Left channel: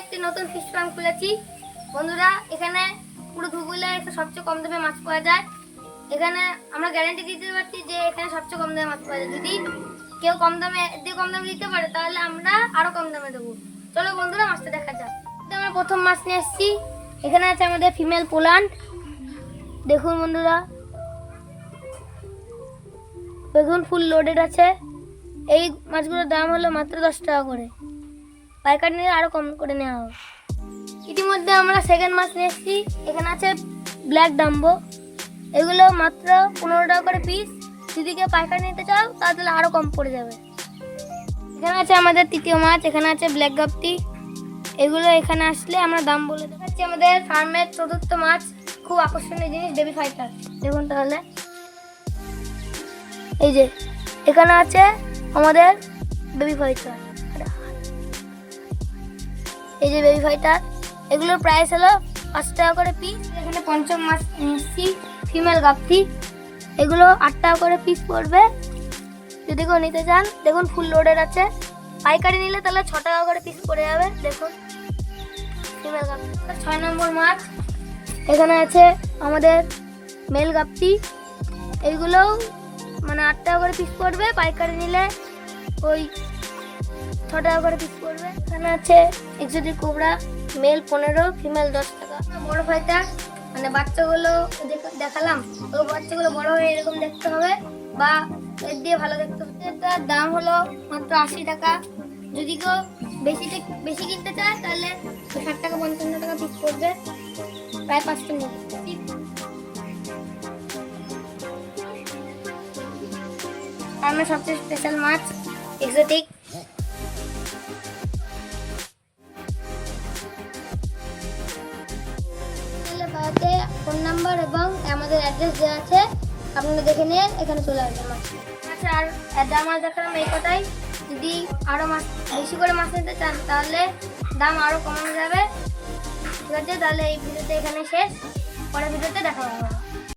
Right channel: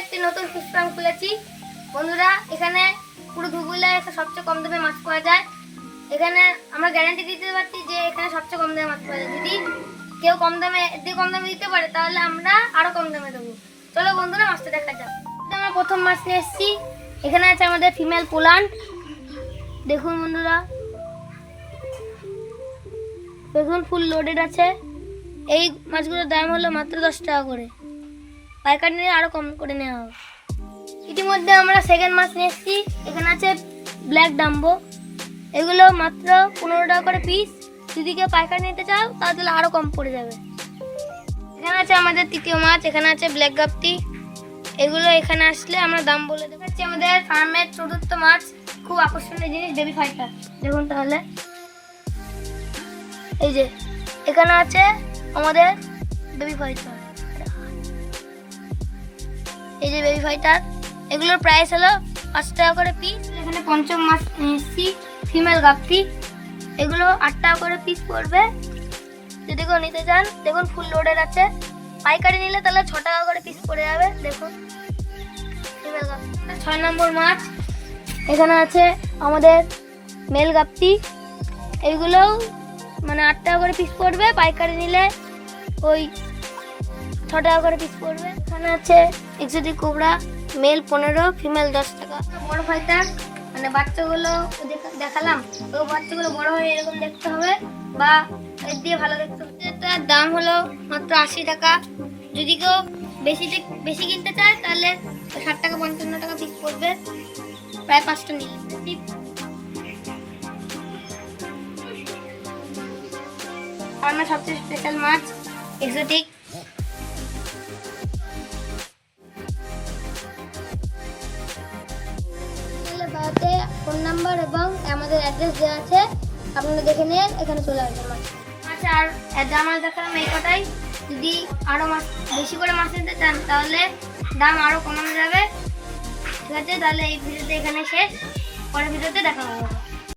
একটি নতুন fish farm খুলেছি বন্ধুরা। এখানে পুরো ধুবুলিয়ায় সবচেয়ে কম দামে মাছ পাওয়া যায়। এখানে আমরা গ্যারান্টি দিতে পারছি যে এখানে সবচেয়ে কম দামে মাছ পাওয়া যায়। যদি কেউ কম দামে দিতে পারে তাহলে আমরা আরো কম দামে দেবো। চলো বন্ধুরা মাছটা দেখা যাক। আমরা প্রথম মাছ নিয়ে এসেছি। এখানে আছে আমাদের ফিমেল পোলান্ড। দেখুন বন্ধুরা, দেখুন ফুল লোডেড আছে। এই মাছগুলোর দাম হলো মাত্র 10 টাকা করে, পাইকারি নিয়ে আরো কম করে নেওয়া হবে। ইতিমধ্যে আমরা সেকেন্ড মাছ নিয়ে এসেছি। এখানে আছে ব্ল্যাক ডাম্বো। এগুলো মাত্র 15 টাকা করে পিস। যদি কেউ পাইকারি নিতে চাও তাহলে আরো কম পড়ে যাবে। এখানে আছে আমাদের তৃতীয় মাছ। এখানে আছে ব্ল্যাক গাপ্তি। এগুলো এখানে আসলে আমরা দাম বলে দেবো। হচ্ছে আমাদের ফার্মের চতুর্থ মাছ, খুব আকর্ষণীয় জিনিস, বেবি ফাইটার। দেখুন তাহলে, এই যে এখানে আছে আমাদের বেবি ফাইটার। এই যে বেবি ফাইটার, এগুলোর প্রাইস হলো 5 টাকা করে পিস। এখানে পঞ্চম মাছ নিচ্ছি ফিমেল গাপ্তি। এগুলো 8 টাকা করে পিস পড়বে যদি কেউ নিতে চান। দেখুন ফুল লোডের আছে। পাইকারি নিলে তাহলে 6 টাকা করে পিস পড়ে যাবে। দেখুন ফিমেল গাপ্তি। 6 নম্বর মাছ, এখানে আছে আমাদের মেল গাপ্তি। এইগুলো মানে 8 টাকা করে পিস পড়বে, পাইকারি নিলে ওই 6 টাকা করে পিস পড়বে। এখানে আছে এক্সোটিক কোবরা, মেল 15, ফিমেল 10 টাকা। বড় ফাইটার মানে বাচ্চাগুলো দেখালাম, ওই বাচ্চাগুলো বড় হয়ে এরকম দেখতে হবে বা এর দিয়ে ভালো দেখতে হবে। এটার দাম হলো মাত্র 80 টাকা। যদি কেউ বেশি কিনতে চায় তাহলে 60 টাকা 55 টাকা পিস পড়বে, প্রায় 5টা নিয়ে। আর আমার সবচেয়ে স্পেশাল মাছ এক্সোটিক। বাড়িতে ফোন নাম্বার এবং আমাদের অ্যাড্রেস দেওয়া আছে, আপনারা দেখে নিয়ে এখানে চলে আসবেন মাছ। আচ্ছা, আর দাম আর দেখালাম এই কথাই। যদি আরও মাছ বেশি করে মাছ নিতে চান তাহলে দাম আরও কমানো যাবে। ঠিক আছে, তাহলে এই ভিডিওতে এখানে শেষ। পরের ভিডিওতে দেখা হবে।